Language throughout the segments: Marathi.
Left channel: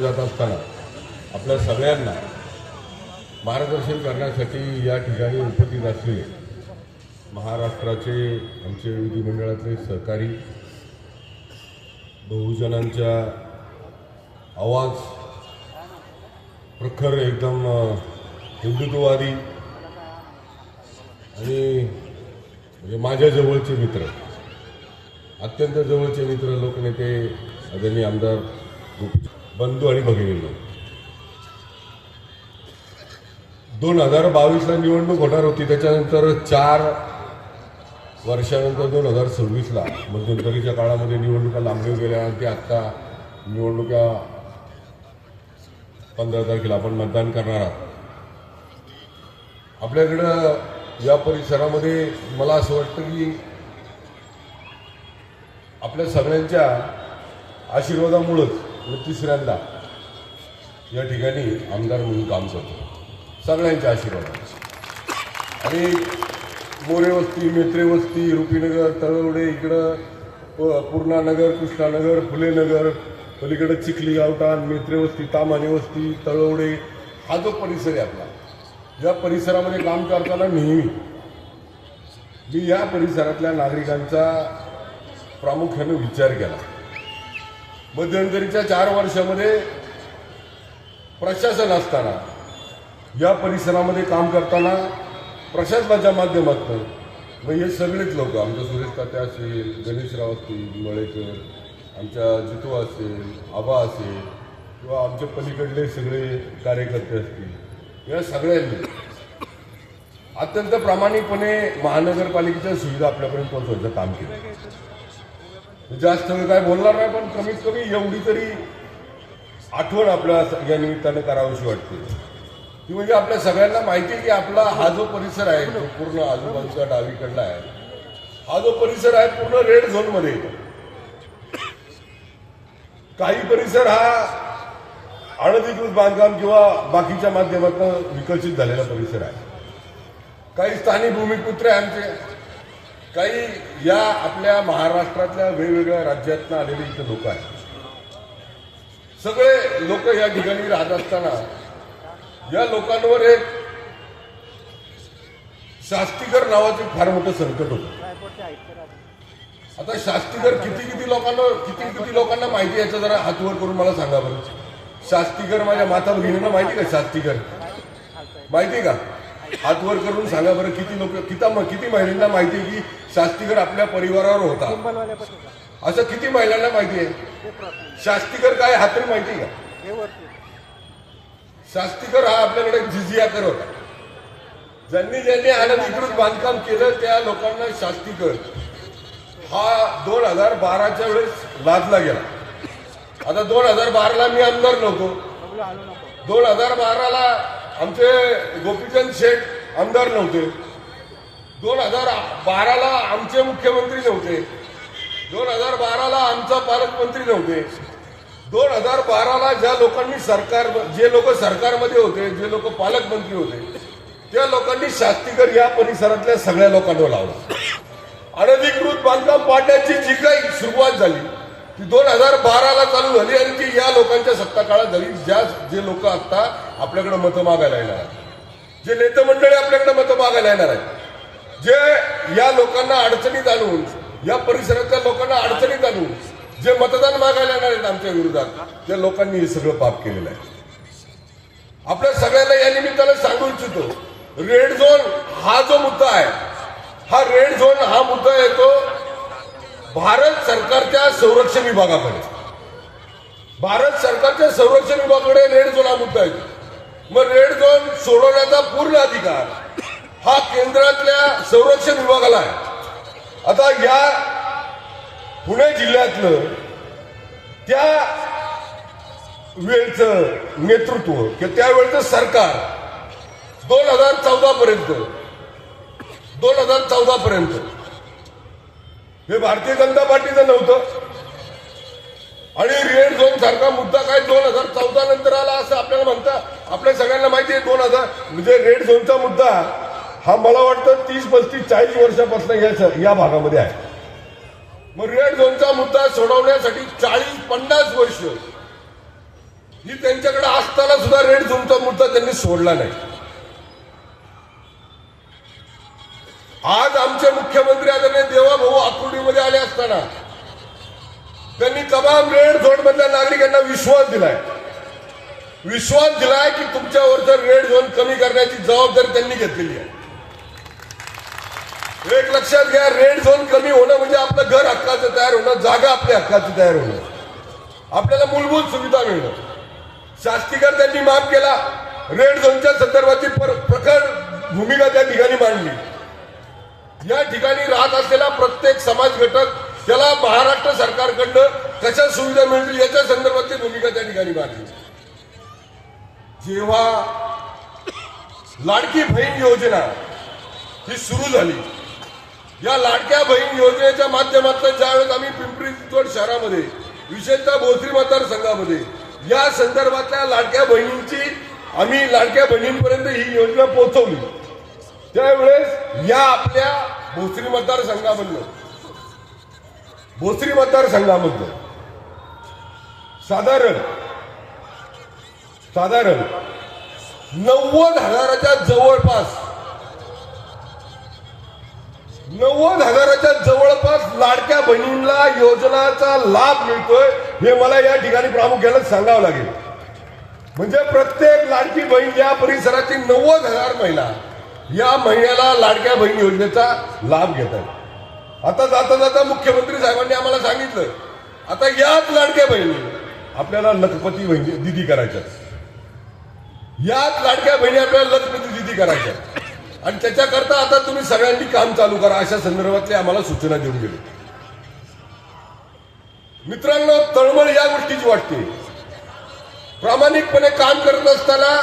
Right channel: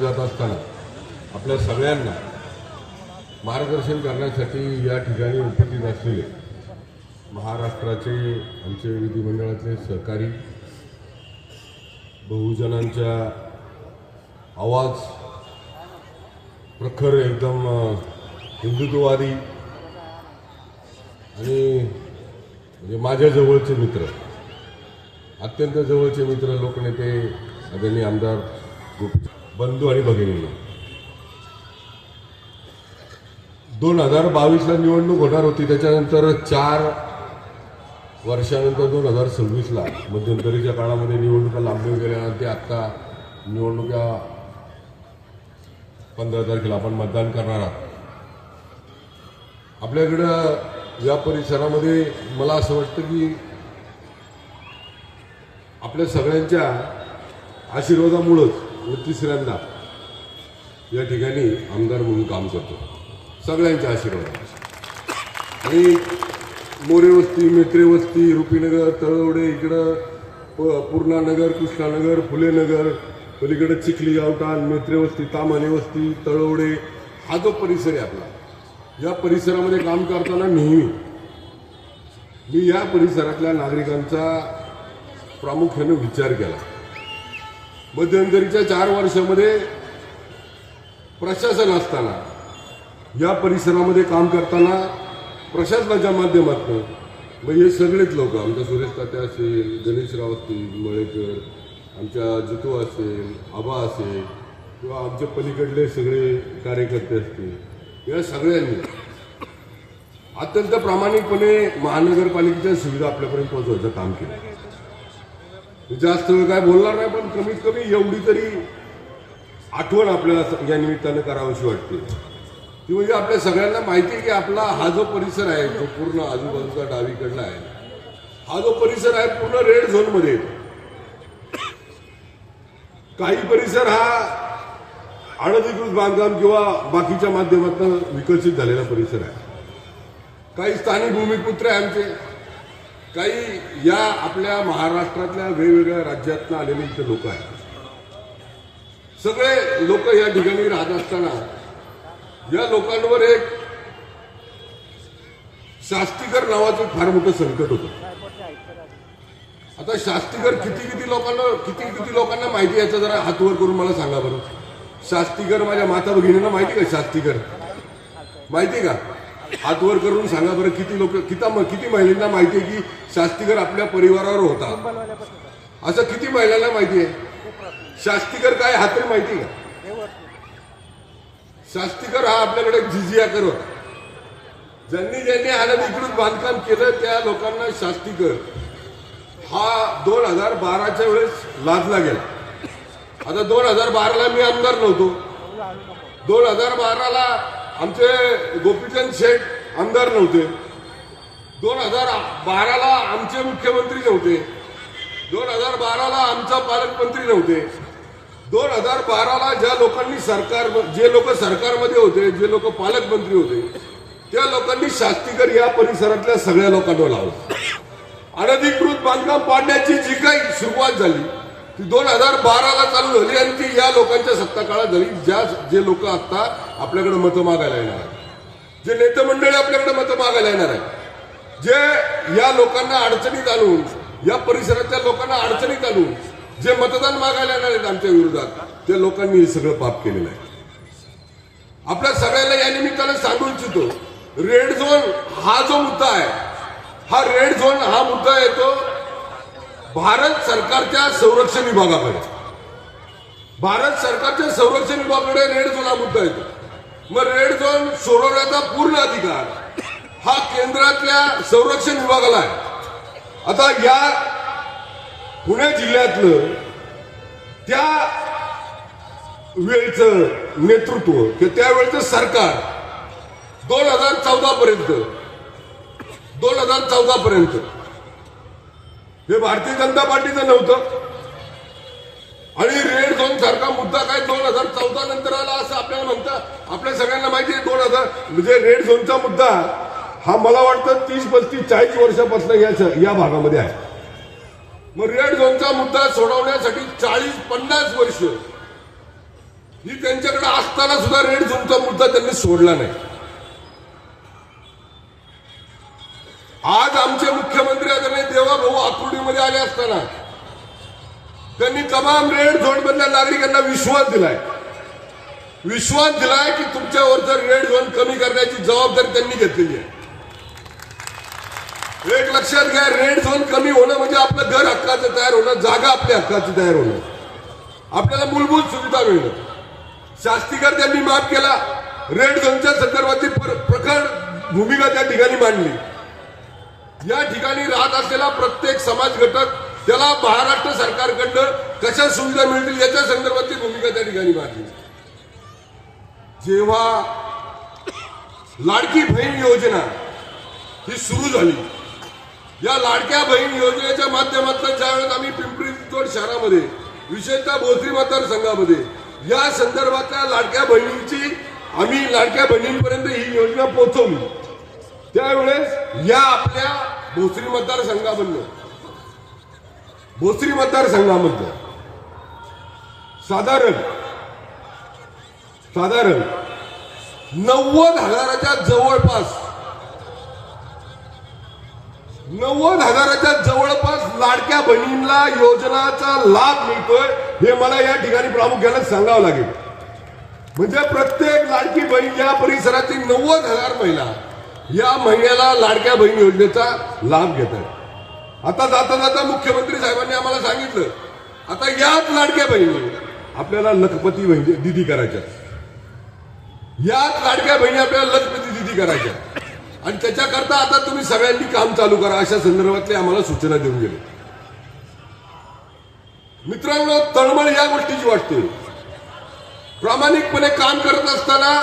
जात असताना आपल्या सगळ्यांना मार्गदर्शन करण्यासाठी या ठिकाणी उपस्थित असलेले महाराष्ट्राचे आमचे विधिमंडळातले सहकारी, बहुजनांच्या आवाज, प्रखर एकदम हिंदुत्ववादी आणि माझ्या जवळचे मित्र, अत्यंत जवळचे मित्र, लोकनेते, आदरणीय आमदार बंधू आणि भगिनींना, 2022ला निवडणूक होणार होती. त्याच्यानंतर 4 वर्षानंतर 2026ला मध्यंतरीच्या काळामध्ये निवडणुका लांबून गेल्या आणि ते आत्ता निवडणुका 15 तारखेला आपण मतदान करणार आहोत. आपल्याकडं या परिसरामध्ये मला असं वाटतं की आपल्या सगळ्यांच्या आशीर्वादामुळंच तिसऱ्यांदा या ठिकाणी आमदार म्हणून काम करतो. सगळ्यांच्या आशीर्वाद. आणि मोरे वस्ती, मेत्रे वस्ती, रुपीनगर, तळवडे, इकडं पूर्णानगर, कृष्णानगर, फुलेनगर, पलीकडे चिखली गावठाण, मेत्रे वस्ती, तामाले वस्ती, तळवडे, हा जो परिसर आहे आपला, या परिसरामध्ये काम करताना नेहमी मी या परिसरातल्या नागरिकांचा प्रामुख्याने विचार केला. मध्यंतरीच्या 4 वर्षामध्ये प्रशासन असताना या परिसरामध्ये काम करताना प्रशासनाच्या माध्यमातून हे सगळेच लोक, आमच्या सुरेश काते असेल, गणेशराव असतील, मळेकर, आमच्या जितू असेल, आबा असेल, किंवा आमच्या पलीकडले सगळे कार्यकर्ते असतील, या सगळ्यांनी अत्यंत प्रामाणिकपणे महानगरपालिकेच्या सुविधा आपल्यापर्यंत पोहोचवण्याचं काम केलं. जास्त वेळ काय बोलणार नाही, पण कमीत कमी एवढी तरी आठवण आपल्या या निमित्तानं करावीशी वाटते. ती म्हणजे आपल्या सगळ्यांना माहिती आहे की आपला हा जो परिसर आहे, तो पूर्ण आजूबाजूचा डावीकडला आहे, हा जो परिसर आहे पूर्ण रेड झोनमध्ये येतो. काही परिसर हा अनधिकृत बांधकाम किंवा बाकीच्या माध्यमातून विकसित झालेला परिसर आहे. काही स्थानिक भूमिपुत्र आहे आमचे, काही या आपल्या महाराष्ट्रातल्या वेगवेगळ्या राज्यातून आलेले इथे लोक आहेत. सगळे लोक या ठिकाणी राहत असताना या लोकांवर एक शास्तीकर नावाचं फार मोठं संकट होतं. आता शास्तीकर किती लोकांना माहिती, याचं जरा हातवर करून मला सांगा बरं. शास्तीकर माझ्या माता भगिनींना माहिती का? शास्तीकर माहिती का? हातवर करून सांगा बरं. किती महिलांना माहिती आहे की शास्तीकर आपल्या परिवारावर होता? असं किती महिलांना माहिती आहे? शास्तीकर काय हातवर माहिती का? शास्तीकर हा आपल्याकडे जिजियाकर होता. ज्यांनी अनधिकृत बांधकाम केलं त्या लोकांना शास्तीकर हा 2012च्या वेळेस लादला गेला. आता 2012ला मी आमदार नव्हतो, 2012ला आमचे गोपीचंद शेठ आमदार नव्हते, 2012ला आमचे मुख्यमंत्री नव्हते, 2012ला आमचा पालकमंत्री नव्हते. 2012ला ज्या लोकांनी जे लोक सरकारमध्ये होते, जे लोक पालकमंत्री होते, त्या लोकांनी शास्तीकर या परिसरातल्या सगळ्या लोकांवर लावला. अनधिकृत बांधकाम पाडण्याची जी काही सुरुवात झाली ती 2012ला चालू झाली आणि ती या लोकांच्या सत्ता काळात झाली. जे लोक आता आपल्याकडे मतं मागायला येणार आहेत, जे नेते मंडळी आपल्याकडे मतं मागायला येणार आहेत, जे या लोकांना अडचणीत आणून, या परिसरातल्या लोकांना अडचणीत आणून जे मतदान मागायला येणार आहेत आमच्या विरोधात, त्या लोकांनी हे सगळं पाप केलेलं आहे. आपल्या सगळ्यांना या निमित्ताने सांगू इच्छितो, रेड झोन हा जो मुद्दा आहे, हा रेड झोन हा मुद्दा येतो भारत सरकारच्या संरक्षण विभागाकडे. भारत सरकारच्या संरक्षण विभागाकडे रेड झोन हा मुद्दा येतो. मग रेड झोन सोडवण्याचा पूर्ण अधिकार हा केंद्रातल्या संरक्षण विभागाला आहे. आता या पुणे जिल्ह्यातलं त्या वेळचं नेतृत्व किंवा त्यावेळचं सरकार 2014 पर्यंत हे भारतीय जनता पार्टीचं नव्हतं. आणि रेड झोन सारखा मुद्दा काय 2014 नंतर आला असं आपल्याला म्हणता. आपल्या सगळ्यांना माहिती आहे 2000 म्हणजे रेड झोनचा मुद्दा हा मला वाटतं 30, 35, 40 वर्षापासून या भागामध्ये आहे. मग रेड झोनचा मुद्दा सोडवण्यासाठी 40-50 वर्ष ही त्यांच्याकडे असताना सुद्धा रेड झोनचा मुद्दा त्यांनी सोडला नाही. आज आमचे मुख्यमंत्री आदरणीय देवाभाऊ आकुर्डीमध्ये आले असताना त्यांनी तमाम रेड झोन मधल्या नागरिकांना विश्वास दिलाय की तुमच्यावरचं रेड झोन कमी करण्याची जबाबदारी त्यांनी घेतलेली आहे. एक लक्षात घ्या, रेड झोन कमी होणं म्हणजे आपलं घर हक्काचं तयार होणं, जागा आपल्या हक्काची तयार होणं, आपल्याला मूलभूत सुविधा मिळणं. शास्तीकर त्यांनी माफ केला, रेड झोनच्या संदर्भातली प्रखर भूमिका त्या ठिकाणी मांडली. या ठिकाणी राहत असलेला प्रत्येक समाज घटक त्याला महाराष्ट्र सरकारकडनं कशा सुविधा मिळतील याच्या संदर्भातली भूमिका त्या ठिकाणी मांडली. जेव्हा लाडकी बहीण योजना ही सुरू झाली, या लाडक्या बहीण योजनेच्या माध्यमातून ज्यावेळेस आम्ही पिंपरी चिंचवड शहरामध्ये विशेषतः भोसरी मतदारसंघामध्ये या संदर्भातल्या लाडक्या बहिणींची आम्ही लाडक्या बहिणींपर्यंत ही योजना पोहोचवली, त्यावेळेस या आपल्या भोसरी मतदारसंघामधलं साधारण 90,000च्या जवळपास लाडक्या बहिणींना योजनाचा लाभ मिळतोय, हे मला या ठिकाणी प्रामुख्याने सांगावं लागेल. म्हणजे प्रत्येक लाडकी बहीण या परिसरातील 90,000 महिला या महिन्याला लाडक्या बहीण योजनेचा लाभ घेत आहेत. आता जाता मुख्यमंत्री साहेबांनी आम्हाला सांगितलं, आता याच लाडक्या बहिणी आपल्याला लखपती दिदी करायच्या, याच लाडक्या बहिणी आपल्याला लखपती दिदी करायच्या, आणि त्याच्याकरता आता तुम्ही सगळ्यांनी काम चालू करा, अशा संदर्भातले आम्हाला सूचना देऊन गेले. मित्रांनो, तळमळ या गोष्टीची वाटते. प्रामाणिकपणे काम करत असताना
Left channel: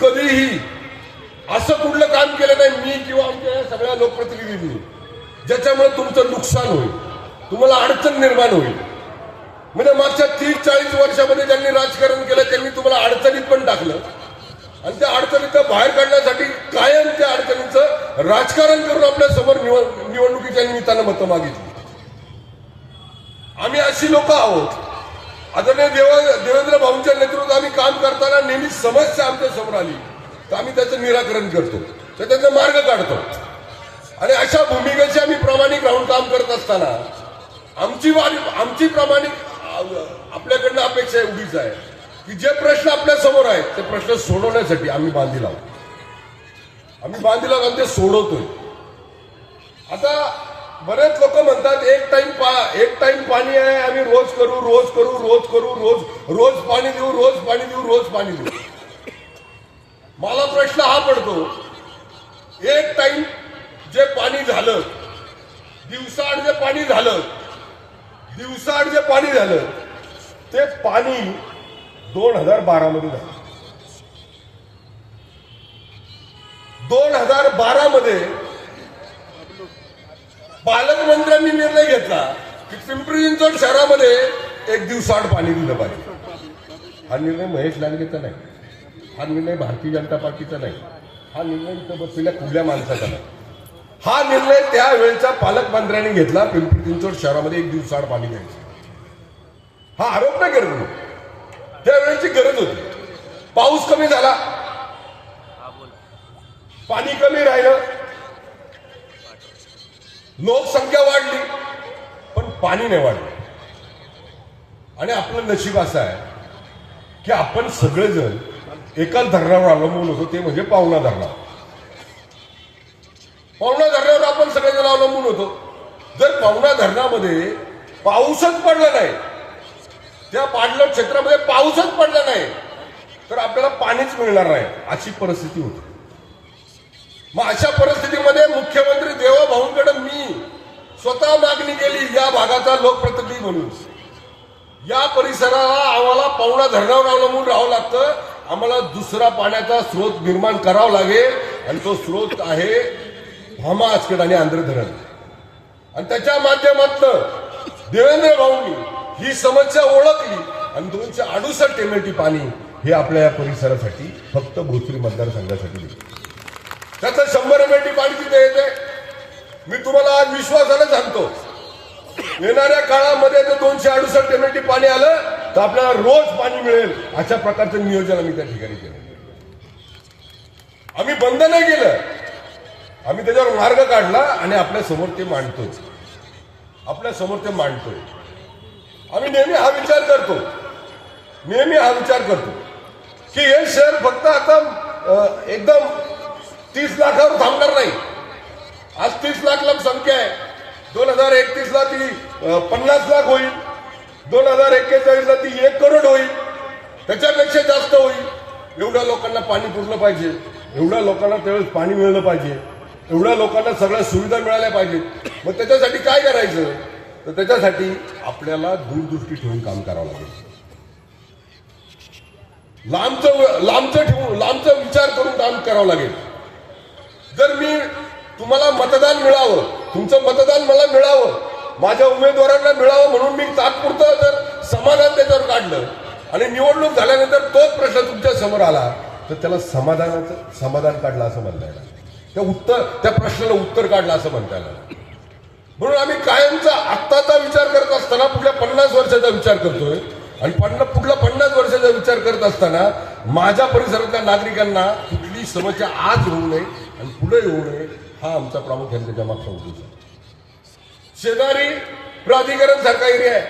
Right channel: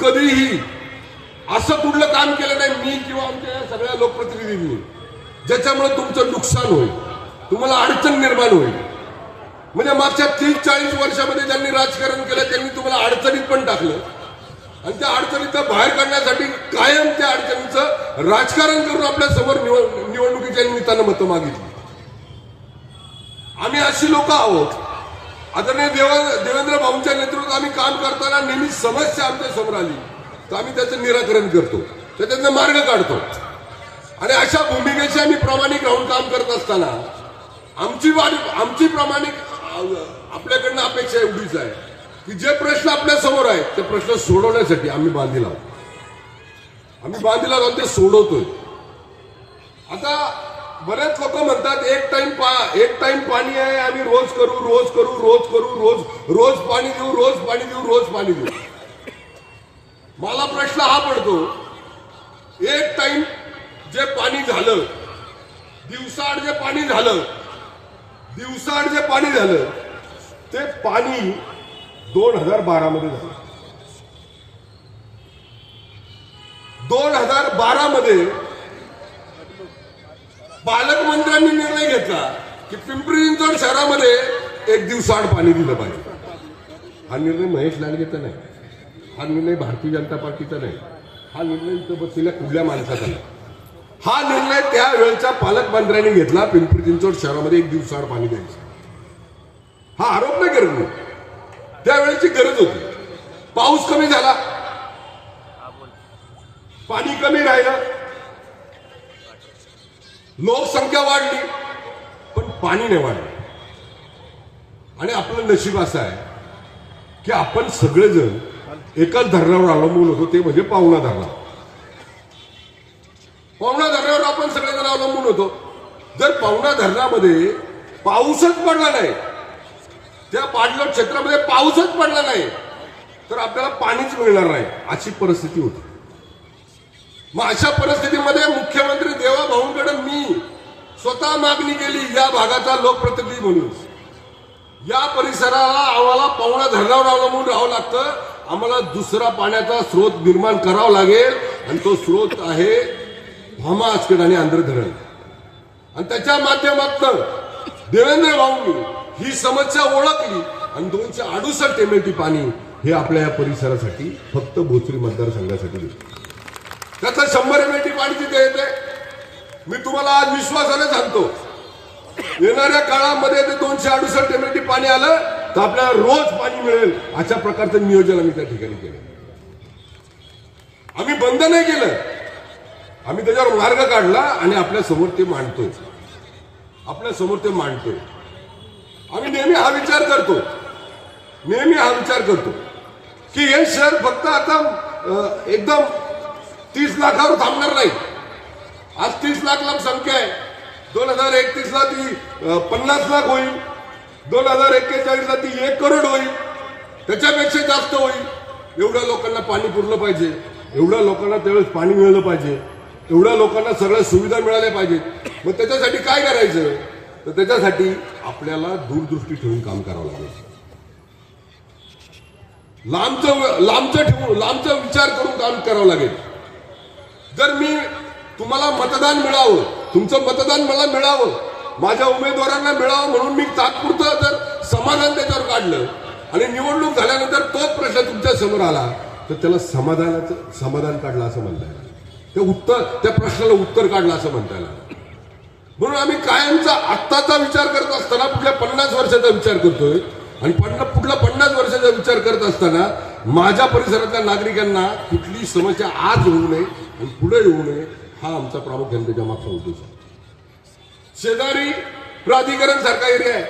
कधीही असं कुठलं काम केलं नाही मी किंवा आमच्या सगळ्या लोकप्रतिनिधींनी ज्याच्यामुळे तुमचं नुकसान होईल, तुम्हाला अडचण निर्माण होईल. म्हणजे मागच्या 30-40 वर्षामध्ये ज्यांनी राजकारण केलं त्यांनी तुम्हाला अडचणीत पण टाकलं, आणि त्या अडचणीचं बाहेर काढण्यासाठी कायम त्या अडचणीचं राजकारण करून आपल्या समोर निवडणुकीच्या निमित्तानं मतं मागितली. आम्ही अशी लोक आहोत. आदरणीय देवेंद्र भाऊंच्या नेतृत्वात आम्ही काम करताना नेहमी समस्या आमच्या समोर आली तर आम्ही त्याचं निराकरण करतो, त्याचा मार्ग काढतो, आणि अशा भूमिकेची आम्ही प्रामाणिक राहून काम करत असताना आमची प्रामाणिक आपल्याकडनं अपेक्षा एवढीच आहे की जे प्रश्न आपल्या समोर आहेत ते प्रश्न सोडवण्यासाठी आम्ही बांधील आहोत, ते सोडवतोय. आता बरेच लोक म्हणतात एक टाइम पाणी आहे, आम्ही रोज पाणी देऊ. मला प्रश्न हा पडतो, एक टाइम जे पाणी झालं, दिवसाआड जे पाणी झालं ते पाणी 2012 मध्ये झालं. 2012 मध्ये पालकमंत्र्यांनी निर्णय घेतला की पिंपरी चिंचवड शहरामध्ये एक दिवसाआड पाणी दिलं पाहिजे. हा निर्णय महेश लांडगेचा नाही, हा निर्णय भारतीय जनता पार्टीचा नाही, हा निर्णय इथं बसलेल्या कुठल्या माणसाचा नाही. हा निर्णय त्यावेळेच्या पालकमंत्र्यांनी घेतला, पिंपरी चिंचवड शहरामध्ये एक दिवसाआड पाणी द्यायचं. हा आरोप नाही करत मी, त्यावेळेची गरज होती. पाऊस कमी झाला, पाणी कमी राहिलं, लोकसंख्या वाढली, पण पाणी नाही वाढलं. आणि आपलं नशीब असं आहे की आपण सगळेजण एकाच धरणावर अवलंबून होतो, ते म्हणजे पावना धरणावर. पावना धरणावर आपण सगळेजण अवलंबून होतो. जर पावना धरणामध्ये पाऊसच पडला नाही, त्या पाणलोट क्षेत्रामध्ये पाऊसच पडला नाही, तर आपल्याला पाणीच मिळणार नाही, अशी परिस्थिती होती. मग अशा परिस्थितीमध्ये मुख्यमंत्री देवाभाऊंकडे मी स्वतः मागणी केली, या भागाचा लोकप्रतिनिधी म्हणून, या परिसराला आम्हाला पावना धरणावर अवलंबून राहावं लागतं, आम्हाला दुसरा पाण्याचा स्रोत निर्माण करावा लागेल, आणि तो स्रोत आहे भामा आचकेड आणि आंध्र धरण. आणि त्याच्या माध्यमातून देवेंद्र भाऊंनी ही समस्या ओळखली आणि 268 MLT पाणी हे आपल्या या परिसरासाठी फक्त भोसरी मतदारसंघासाठी दिलं. त्याचं 100 MLT पाणी तिथे येते. मी तुम्हाला आज विश्वासाने सांगतो, येणाऱ्या काळामध्ये जर 268 MLT पाणी आलं तर आपल्याला रोज पाणी मिळेल अशा प्रकारचं नियोजन आम्ही त्या ठिकाणी केलं. आम्ही बंद नाही केलं, आम्ही त्याच्यावर मार्ग काढला आणि आपल्या समोर ते मांडतोय, आपल्या समोर ते मांडतोय. आम्ही नेहमी हा विचार करतो की हे शहर फक्त आता एकदम 30 लाखावर थांबणार नाही. आज 30 लाख लोकसंख्या आहे. 2031 ला ती 50 लाख होईल, 2041 ला ती 1 करोड होईल, त्याच्यापेक्षा जास्त होईल. एवढ्या लोकांना पाणी पुरलं पाहिजे, एवढ्या लोकांना त्यावेळेस पाणी मिळलं पाहिजे, एवढ्या लोकांना सगळ्या सुविधा मिळाल्या पाहिजेत. मग त्याच्यासाठी काय करायचं, तर त्याच्यासाठी आपल्याला दूरदृष्टी ठेवून काम करावं लागेल. लांबचा विचार करून काम करावं लागेल. जर मी तुम्हाला मतदान मिळावं, तुमचं मतदान मला मिळावं, माझ्या उमेदवारांना मिळावं म्हणून मी तात्पुरतं जर समाधान त्याच्यावर काढलं आणि निवडणूक झाल्यानंतर तोच प्रश्न तुमच्या समोर आला तर त्याला समाधान काढलं असं म्हणता येईल. त्या प्रश्नाला उत्तर काढलं असं म्हणता येईल. म्हणून आम्ही कायमचा आत्ताचा विचार करत असताना पुढल्या 50 वर्षाचा विचार करतोय आणि पुढल्या 50 वर्षाचा विचार करत असताना माझ्या परिसरातल्या नागरिकांना कुठली समस्या आज होऊ नये आणि पुढे येऊ नये हा आमचा प्रामुख्याने त्याच्या मागचा उद्देश आहे. शेजारी प्राधिकरण सारखा एरिया आहे,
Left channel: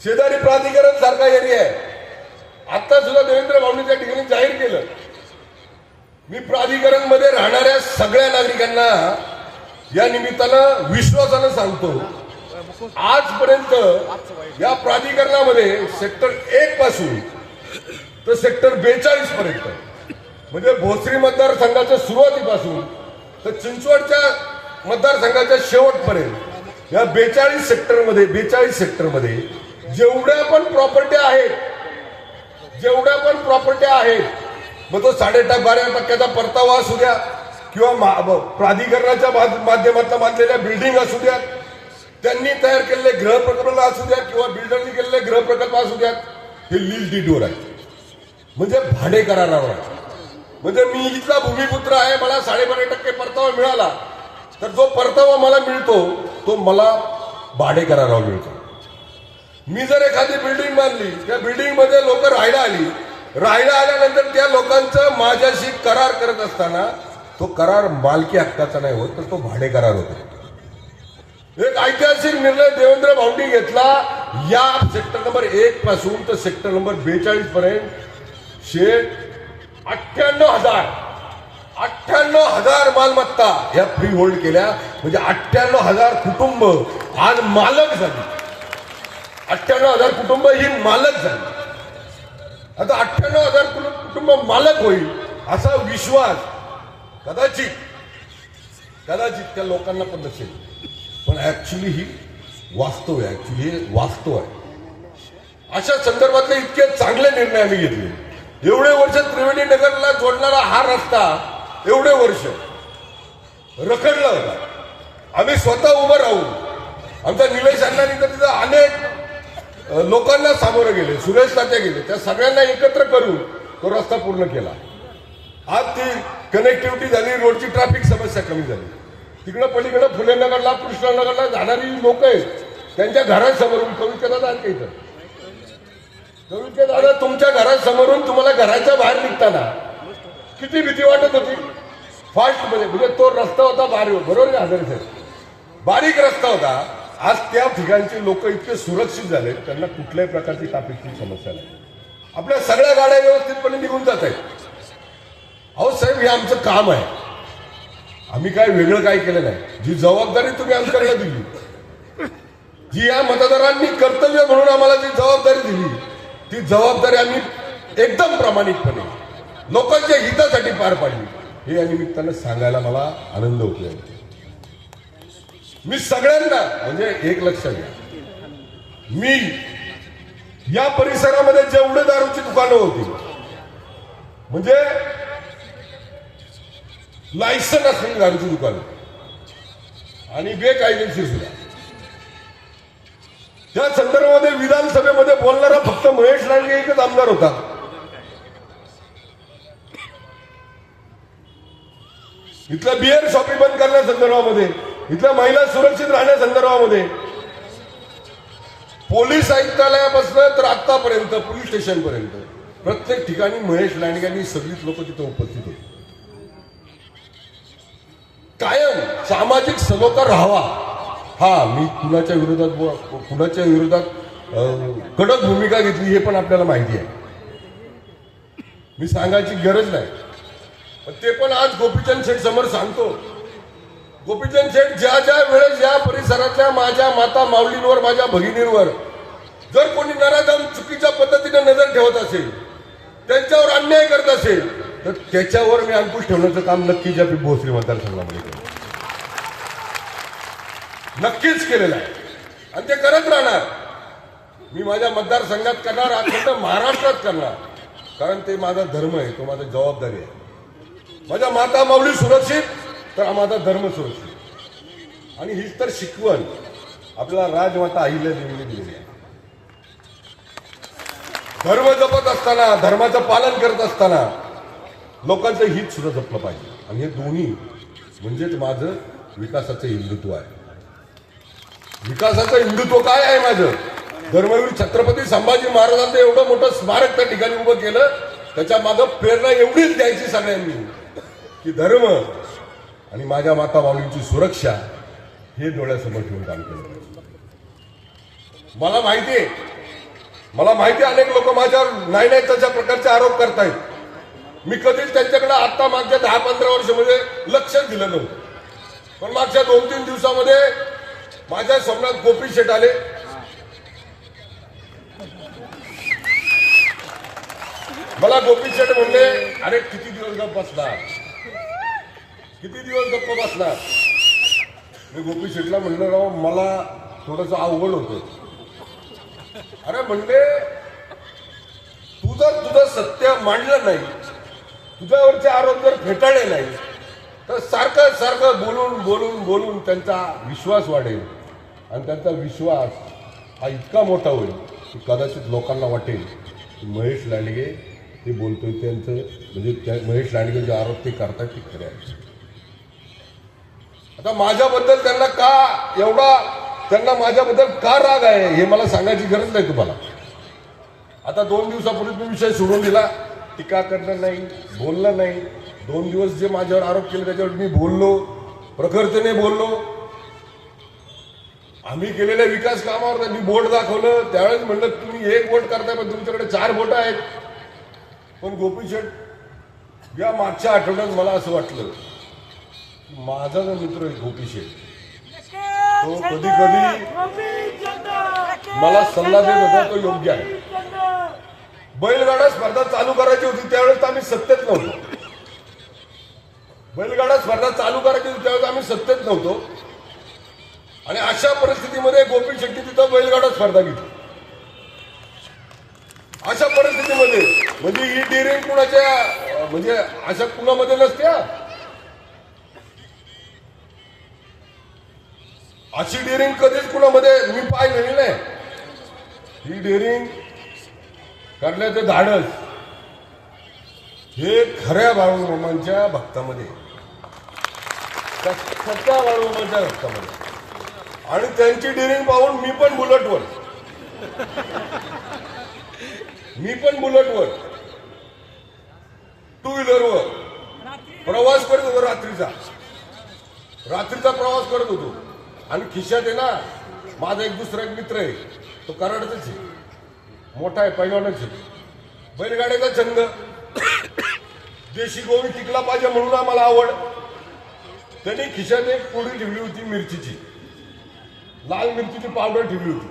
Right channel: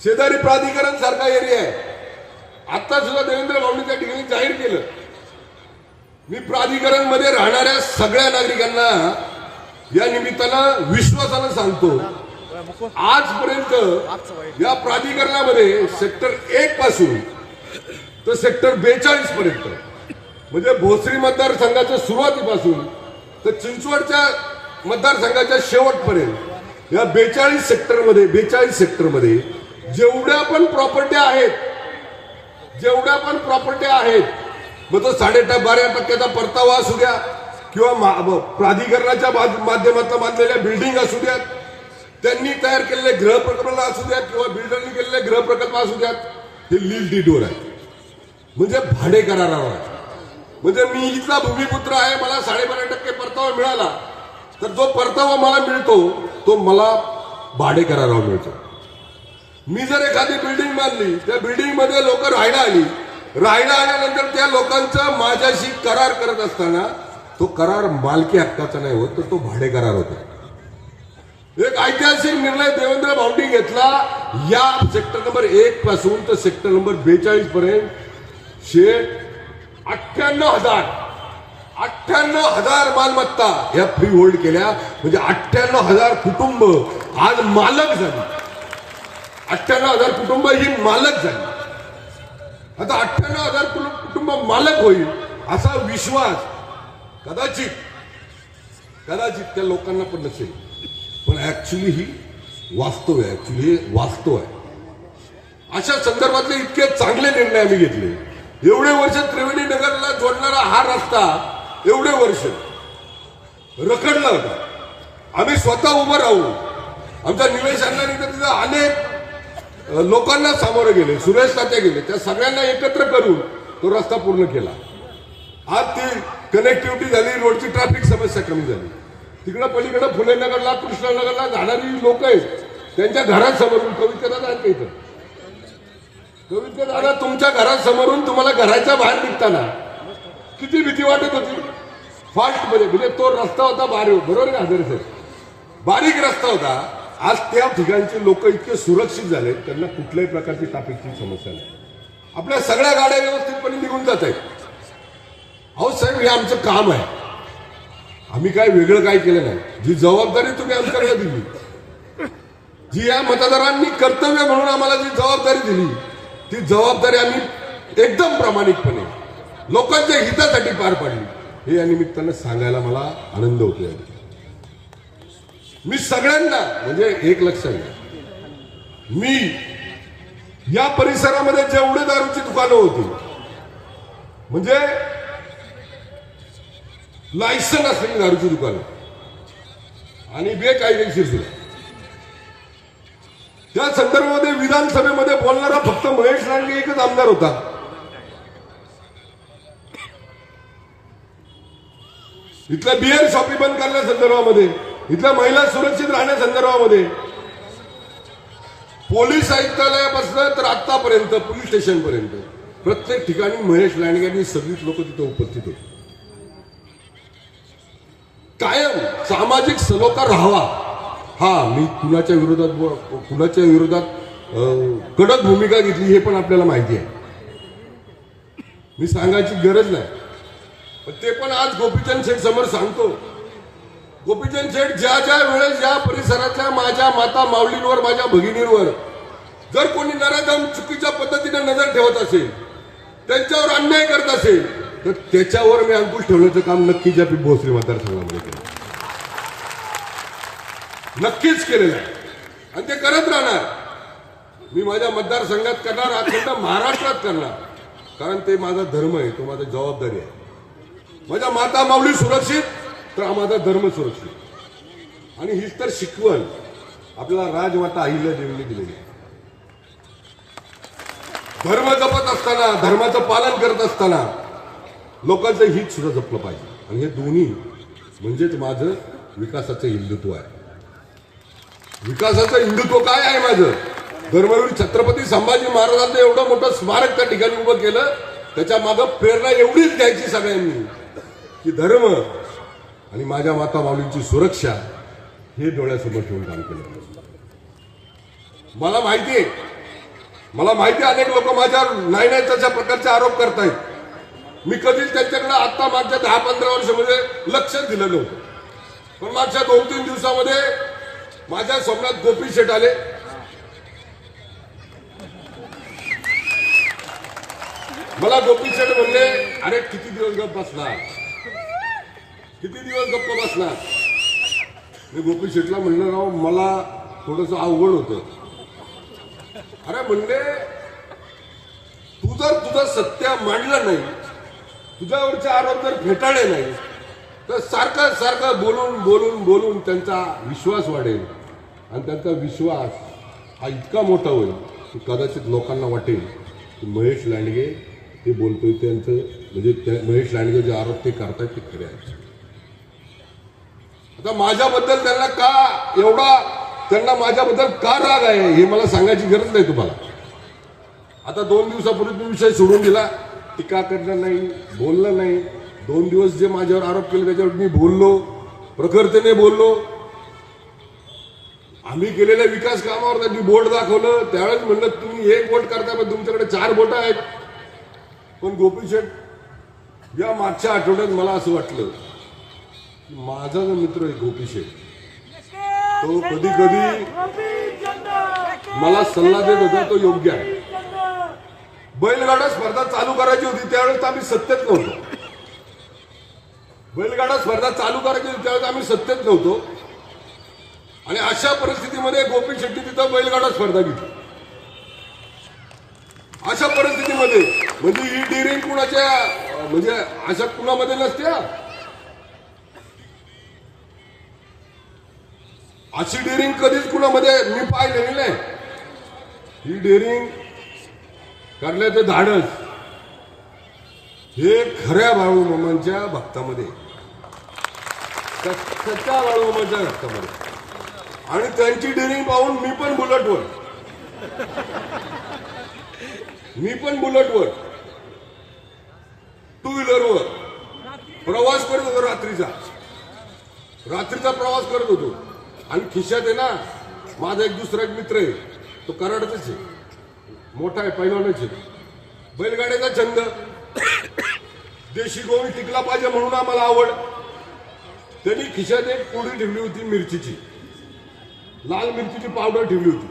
शेजारी प्राधिकरण सारखा एरिया आहे. आता सुद्धा देवेंद्र भाऊंनी त्या ठिकाणी जाहीर केलं. मी प्राधिकरण मध्ये राहणाऱ्या सगळ्या नागरिकांना या निमित्तानं विश्वासानं सांगतो, आजपर्यंत या प्राधिकरणामध्ये सेक्टर 1 पासून तर सेक्टर 42 पर्यंत म्हणजे भोसरी मतदारसंघाच्या सुरुवातीपासून तर चिंचवडच्या मतदारसंघाच्या शेवटपर्यंत या 42 सेक्टरमध्ये जेवढ्या पण प्रॉपर्ट्या आहेत, मग तो 12.5% परतावा असू द्या किंवा प्राधिकरणाच्या माध्यमातून बांधलेल्या बिल्डिंग असू द्यात, त्यांनी तयार केलेले गृहप्रकल्प असू द्या किंवा बिल्डरनी केलेले गृहप्रकल्प असू द्यात, हे लीज डीडवर आहे, म्हणजे भाडे करारावर आहे. म्हणजे मी इथला भूमिपुत्र आहे, मला 12.5% परतावा मिळाला, तर जो परतावा मला मिळतो तो मला भाडे करारावर मिळतो. मी जर एखादी बिल्डिंग बांधली, त्या बिल्डिंग मध्ये लोक राहायला आल्यानंतर त्या लोकांचा माझ्याशी करार करत असताना तो करार मालकी हक्काचा नाही होत, तर तो भाडे करार होतो. एक ऐतिहासिक निर्णय देवेंद्र भाऊंनी घेतला. या सेक्टर नंबर 1 पासून तर सेक्टर नंबर 42 पर्यंत 98,000 मालमत्ता या फ्री होल्ड केल्या. म्हणजे 98,000 कुटुंब आज मालक झाली. 98,000 कुटुंब ही मालक झाली. आता 98,000 कुटुंब मालक होईल असा विश्वास कदाचित त्या लोकांना पण नसेल, पण ऍक्च्युली ही वास्तव आहे. अशा संदर्भातले इतके चांगले निर्णय आम्ही घेतले. एवढे वर्ष त्रिवेणी नगरला जोडणारा हा रस्ता एवढे वर्ष रखडला होता. आम्ही स्वतः उभं राहून आमच्या निलेश अण्णांनी तर तिथं अनेक लोकांना सामोरे गेले, सुरेश तात्या गेले, त्या सगळ्यांना एकत्र करून तो रस्ता पूर्ण केला. आज ती कनेक्टिव्हिटी झाली, रोडची ट्रॅफिक समस्या कमी झाली. तिकडे पलीकडे फुले नगरला, कृष्णानगरला जाणारी लोक आहेत, त्यांच्या घरासमोरून कविता तुमच्या घरासमोरून तुम्हाला घराच्या बाहेर निघताना किती भीती वाटत होती. फाल्ट मध्ये म्हणजे तो रस्ता होता बरोबर हजर सर, बारीक रस्ता होता. आज त्या ठिकाणचे लोक इतके सुरक्षित झाले, त्यांना कुठल्याही प्रकारची ट्रॅफिकची समस्या नाही. आपल्या सगळ्या गाड्या व्यवस्थितपणे निघून जात आहेत. अहो साहेब, हे आमचं काम आहे. आम्ही काय वेगळं काय केलं नाही. जी जबाबदारी तुम्ही आमच्याकडे दिली, जी या मतदारांनी कर्तव्य म्हणून आम्हाला जी जबाबदारी दिली, ती जबाबदारी आम्ही एकदम प्रामाणिकपणे लोकांच्या हितासाठी पार पाडली. हे या निमित्तानं सांगायला मला आनंद होतोय. मी सगळ्यांना म्हणजे एक लक्षात घ्या, मी या परिसरामध्ये जेवढे दारूची दुकानं होती, म्हणजे लायसन असलेली दारूची दुकानं आणि बेकायदेशीर सुद्धा, त्या संदर्भामध्ये विधानसभेमध्ये बोलणारा फक्त महेश लांडगे एकच आमदार होता. इथल्या बियर शॉपी बंद करण्यासंदर्भामध्ये, इथल्या महिला सुरक्षित राहण्यासंदर्भामध्ये पोलीस आयुक्तालयापासून तर आतापर्यंत पोलीस स्टेशनपर्यंत प्रत्येक ठिकाणी महेश लांडगे सगळीच लोक तिथे उपस्थित होते. कायम सामाजिक सलोखा राहावा. हा, मी कुणाच्या विरोधात कडक भूमिका घेतली हे पण आपल्याला माहिती आहे, मी सांगायची गरज नाही. ते पण आज गोपीचंद शेठ समोर सांगतो. गोपीचंद शेठ ज्या वेळेस या परिसरातल्या माझ्या माता माऊलींवर, माझ्या भगिनींवर जर कोणी नराधम चुकीच्या पद्धतीने नजर ठेवत असेल, त्यांच्यावर अन्याय करत असेल, तर त्याच्यावर मी अंकुश ठेवण्याचं काम नक्कीच या भोसरी मतदारसंघामध्ये केलं, नक्कीच केलेलं आहे आणि ते करत राहणार. मी माझ्या मतदारसंघात करणार, अखंड महाराष्ट्रात करणार, कारण ते माझा धर्म आहे, तो माझी जबाबदारी आहे. माझ्या माता माऊली सुरक्षित तर माझा धर्म सुरक्षित. आणि हीच तर शिकवण आपल्याला राजमाता अहिल्या देवीने दिलेली आहे. धर्म जपत असताना, धर्माचं पालन करत असताना लोकांचं हित सुद्धा जपलं पाहिजे. आणि हे दोन्ही म्हणजेच माझं विकासाचं हिंदुत्व आहे. विकासाचं हिंदुत्व काय आहे माझं? धर्मवीर छत्रपती संभाजी महाराजांचं एवढं मोठं स्मारक त्या ठिकाणी उभं केलं, त्याच्या मागं प्रेरणा एवढीच घ्यायची सगळ्यांनी की धर्म आणि माझ्या माता माऊलींची सुरक्षा हे डोळ्यासमोर ठेवून काम केलं. मला माहिती अनेक लोक माझ्यावर नाही तशा प्रकारचे आरोप करतायत. मी कधीच त्यांच्याकडे आता मागच्या 10-15 वर्षामध्ये लक्षच दिलं नव्हतं. पण मागच्या 2-3 दिवसामध्ये माझ्या स्वप्नात गोपी शेठ आले. मला गोपी शेठ म्हणले, अरे किती दिवस गप्प बसणार, किती दिवस गप्प बसणार. मी गोपी शेठला म्हणलं, राव मला थोडंसं अवघड होतं. अरे म्हणले, तू जर तुझं सत्य मांडलं नाही, तुझ्यावरचे आरोप जर फेटाळले नाही, तर सारखं सारखं बोलून त्यांचा विश्वास वाढेल आणि त्यांचा विश्वास हा इतका मोठा होईल की कदाचित लोकांना वाटेल की महेश लांडगे ते बोलतोय त्यांचं, म्हणजे महेश लांडगे जे आरोप ते करतात ते खरे आहेत. आता माझ्याबद्दल त्यांना माझ्याबद्दल का राग आहे हे मला सांगायची गरज नाही तुम्हाला. आता 2 दिवसापूर्वी मी विषय सोडून दिला, टीका करणं नाही, बोलणं नाही. 2 दिवस जे माझ्यावर आरोप केले त्याच्यावर मी बोललो, प्रखरतेने बोललो. आम्ही केलेल्या विकास कामावर त्यांनी बोट दाखवलं. त्यावेळेस म्हणलं, तुम्ही 1 बोट करता पण तुमच्याकडे 4 बोटं आहेत. पण गोपी शेठ या मागच्या आठवड्यात मला असं वाटलं की माझा जो मित्र आहे गोपी शेठ, तो कधी कधी मला सल्ला देत होता, तो योग्य आहे. बैलगाडा स्पर्धा चालू करायची होती त्यावेळेस आम्ही सत्तेत नव्हतो. बैलगाडा स्पर्धा चालू करायची होती त्यावेळेस आम्ही सत्तेत नव्हतो. आणि अशा परिस्थितीमध्ये गोपी शेट्टी तिथं बैलगाडा स्पर्धा घेतली. अशा परिस्थितीमध्ये म्हणजे ही डिरिंग कुणाच्या, म्हणजे अशा कुणामध्ये नसते. अशी डेअरिंग कधीच कुणामध्ये मी पाहिलेली नाही. ही डेअरिंग करण्याचे धाडस हे खऱ्या बाळूमामांच्या भक्तामध्ये, सच्च्या बाळूमामांच्या भक्तामध्ये. आणि त्यांची डेअरिंग पाहून मी पण बुलेटवर टू व्हीलरवर प्रवास करत होतो. रात्रीचा प्रवास करत होतो. आणि खिशात आहे ना, माझा एक दुसरा एक मित्र आहे, तो कराडचाच आहे, मोठा आहे, पैलवानच आहे. बैलगाड्याचा छंद, देशी गोवी टिकला पाहिजे म्हणून आम्हाला आवड. त्यांनी खिशात एक पुडी ठेवली होती मिरचीची, लाल मिरचीची पावडर ठेवली होती.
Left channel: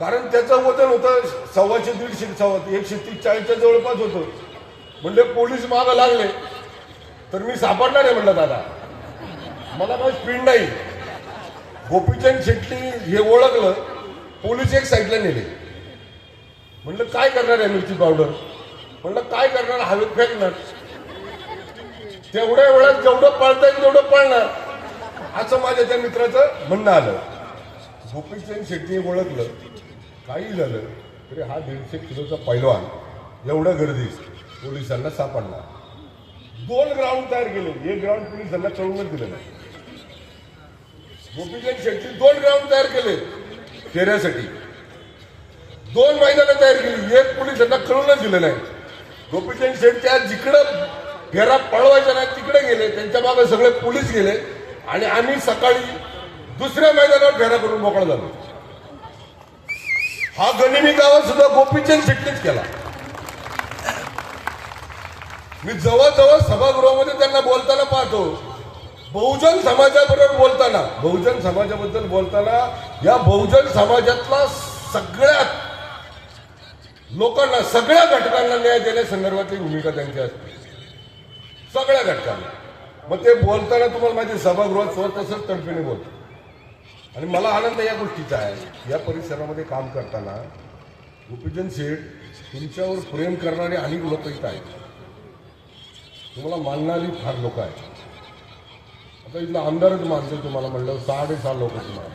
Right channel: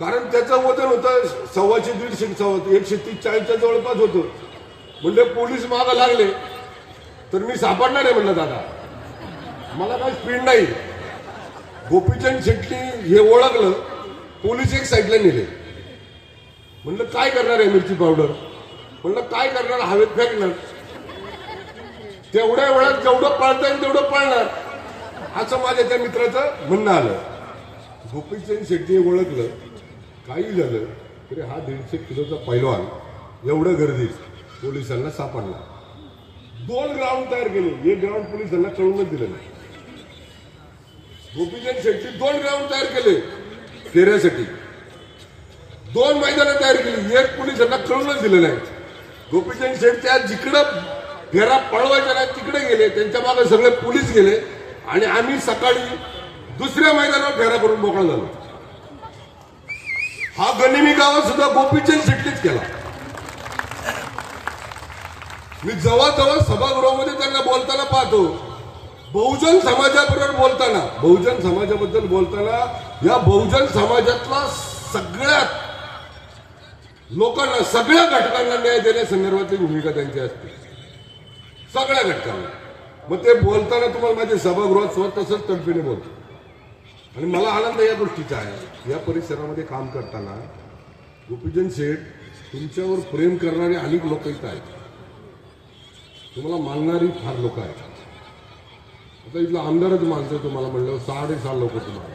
कारण त्याचं वजन होतं 125-140च्या जवळपास होतं. म्हणजे पोलीस मागं लागले तर मी सापडणार आहे म्हणलं. दादा मला काही स्पीड नाही. गोपीचंद शेट्टी हे ओळखलं, पोलीस एक साईडला नेले. म्हणलं काय करणार आहे मिरची पावडर, म्हणलं काय करणार, हवेत फेकणार. तेवढ्या वेळात जेवढं पळता येईल तेवढं पळणार, असं माझ्या त्या मित्राचं म्हणणं आलं. गोपीचंद शेट्टी ओळखलं, काही झालं तरी हा 150 किलोचा पैलवान एवढ्या गर्दीत पोलिसांना सापडला. 2 ग्राउंड तयार केले. 1 ग्राउंड पोलिसांना कळूनच दिलं नाही. गोपीचंद शेट्टी 2 ग्राउंड तयार केले. फेऱ्यासाठी 2 मैदानं तयार केली. एक पोलीस यांना कळूनच दिलं नाही. गोपीचंद शेठ त्या जिकडं फेरा पळवायचा नाही तिकडे गेले, त्यांच्या मागे सगळे पोलीस गेले आणि आम्ही सकाळी दुसऱ्या मैदानावर फेरा करून मोकळा झालो. हा गनिमी गावात सुद्धा गोपीचंद शेट्टीच केला. मी जवळजवळ सभागृहामध्ये त्यांना बोलताना पाहतो. बहुजन समाजाबरोबर बोलताना, बहुजन समाजाबद्दल बोलताना या बहुजन समाजातला सगळ्यात लोकांना, सगळ्या घटकांना न्याय देण्यासंदर्भातली भूमिका त्यांची असते, सगळ्या घटकांना. मग ते बोलताना तुम्हाला माझ्या सभागृहात स्वतः तसंच तडफीने बोलतो. आणि मला आनंद या गोष्टीचा आहे, या परिसरामध्ये काम करताना गोपीचंद शेठ तुमच्यावर प्रेम करणारे अनेक लोक इथं आहेत, तुम्हाला मानणारी फार लोक आहेत. आता इथला आमदारच मानतो तुम्हाला, म्हणलं 6.5 लोक तुम्हाला.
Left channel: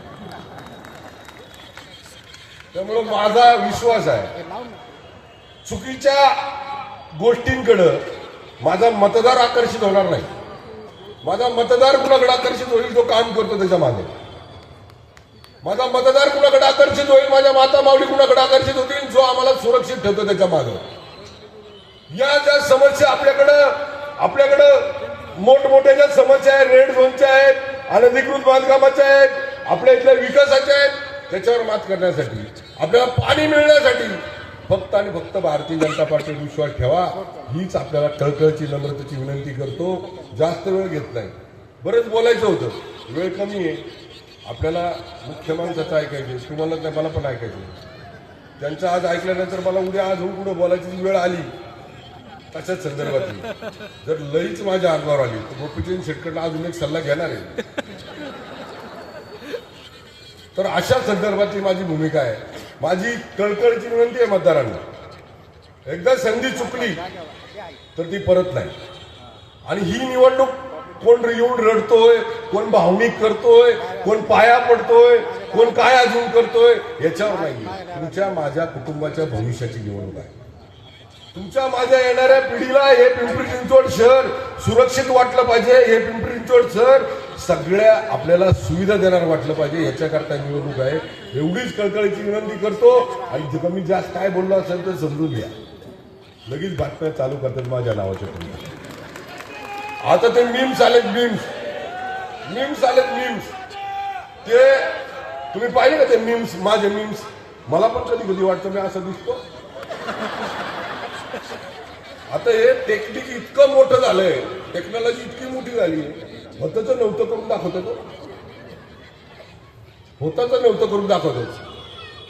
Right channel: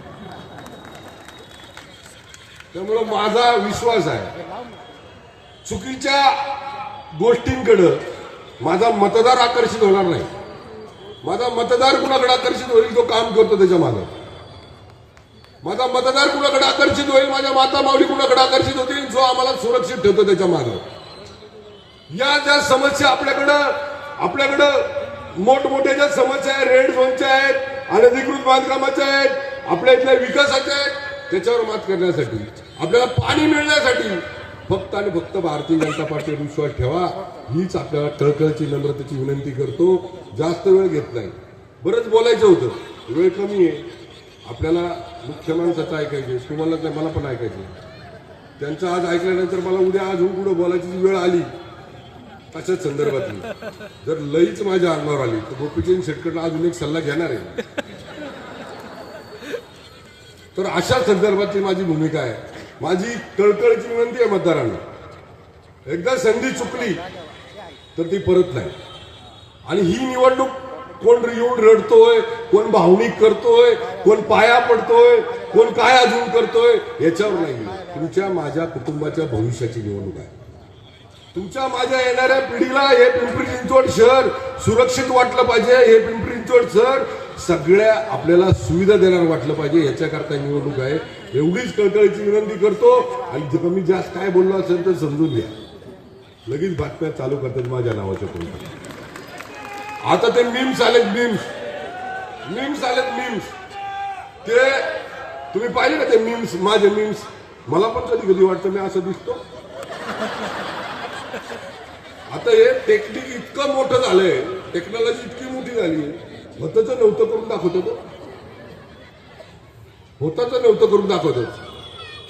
त्यामुळे माझा विश्वास आहे चुकीच्या गोष्टींकडे माझा मतदार आकर्षित होणार नाही. माझा मतदार कुणाकडे आकर्षित होईल, तो काम करतो त्याच्या मागे. माझा मतदार कुणाकडे आकर्षित होईल, माझ्या माता माऊली कुणाकडे आकर्षित होतील, जो आम्हाला सुरक्षित ठेवतो त्याच्या मागे. या ज्या समस्या आपल्याकडं मोठमोठ्या ज्या समस्या आहेत, रेड झोनच्या आहेत, अनधिकृत बांधकामाच्या आहेत, आपल्या इथल्या विकासाच्या आहेत, त्याच्यावर मात करण्यासाठी, आपल्याला पाणी मिळण्यासाठी फक्त आणि फक्त भारतीय जनता पार्टीवर विश्वास ठेवा. हीच आपल्याला कळकळची, नम्रतेची विनंती करतो. जास्त वेळ घेत नाही. बरंच बोलायचं होतं, वेळ कमी आहे. आपल्याला मुख्य माणसाचं ऐकायचं, तुम्हाला काय मला पण ऐकायचं. त्यांचं आज ऐकल्यानंतर मला उद्या अजून पुढे बोलायची वेळ आली कशाच संदर्भातली, जर लईच माझ्या अंगावर आली तर गोपीचंद शेटकडला अजून एक सल्ला घेणार आहे. तर अशा संदर्भातली माझी भूमिका आहे. माझी कळकळची विनंती आहे मतदारांना, एकदा संधी चुकली तर ती परत नाही. आणि ही निवडणूक कोण येऊन रडतोय, कोण भावनिक करतोय, कोण पाया पडतोय, कोण काय अजून करतोय याच्यावर नाही. तुमच्या माझ्या कुटुंबाच्या भविष्याची निवडणूक आहे. तुमच्या माझ्या येणाऱ्या पिढीला हे पिंपरी चिंचवड शहर सुरक्षित वाटलं पाहिजे, हे पिंपरी चिंचवड शहर सगळ्या आपल्याला सुविधा देणार वाटलं पाहिजे, याच्याकरता निवडणूक आहे. एवढीच कळकळीची विनंती करतो. आणि कमी जास्त काय बोललो असेल तर समजून घ्या. लगेच बातम्या चालू करतात माझ्या नावाच्या कोणी. आता ते मीम्स आलेत, मीम्स आलेत. ते तुम्ही पाहिले का ते मीम्स, माझे मीम्स? मला पण कधी कधी वाटतं मी असं दिसतो. आता हे टेक्निक इतकं मोठं झालंय, टेक्नॉलॉजी इतकी मोठी झाली, होतं तर नव्हतं करून दाखवतो तो, होतं तर नव्हतं करून दाखवतो.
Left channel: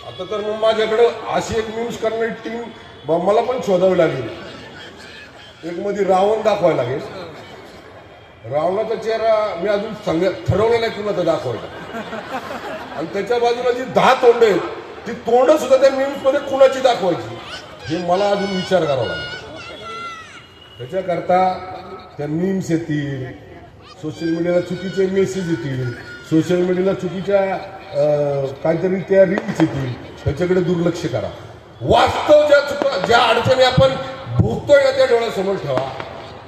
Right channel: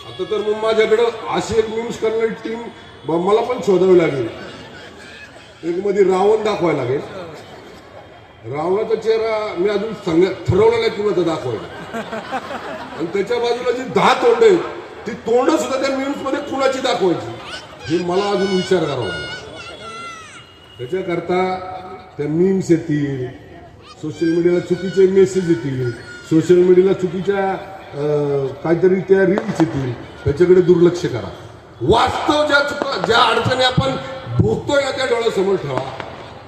आता तर मग माझ्याकडं अशी एक मीम्स करणारी टीम मला पण शोधावी लागेल. एक मध्ये रावण दाखवायला लागेल. रावणाचा चेहरा मी अजून ठरवलं नाही कुणाचा दाखवायला. आणि त्याच्या बाजूला जी 10 तोंड आहेत, ती तोंड सुद्धा त्या मीम्स मध्ये कुणाची दाखवायची हे मला अजून विचार करावा लागेल. त्याच्याकरता त्या मीम्स येतील, सोशल मीडियाला चुकीचे मेसेज येतील, सोशल मीडियाला चुकीच्या काहीतरी त्या रील्स येतील, त्याच्याकडे दुर्लक्ष करा. वास्तव ज्या अडचणी आपण भोगतोय ना त्या डोळ्यासमोर ठेवा.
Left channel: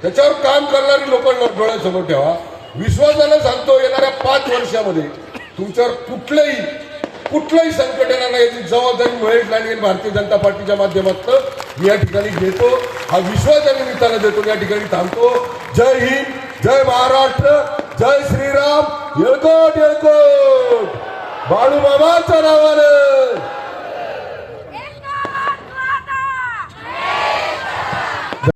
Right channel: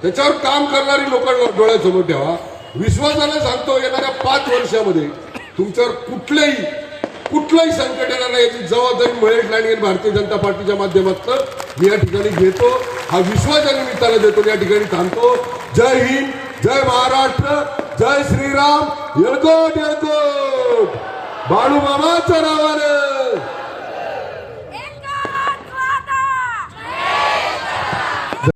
त्याच्यावर काम करणारी लोकांना डोळ्यासमोर ठेवा. विश्वासाला सांगतो, येणाऱ्या 5 वर्षामध्ये तुमच्यावर कुठलंही संकट येणार नाही याची जबाबदारी महेश लांडगे भारतीय जनता पार्टीच्या माध्यमातून मी या ठिकाणी घेतो. हा विश्वास या निमित्तानं देतो. या ठिकाणी थांबतो. जय हिंद, जय महाराष्ट्र, जय श्रीराम. येळकोट येळकोट बाळू मामाच्या नावानं.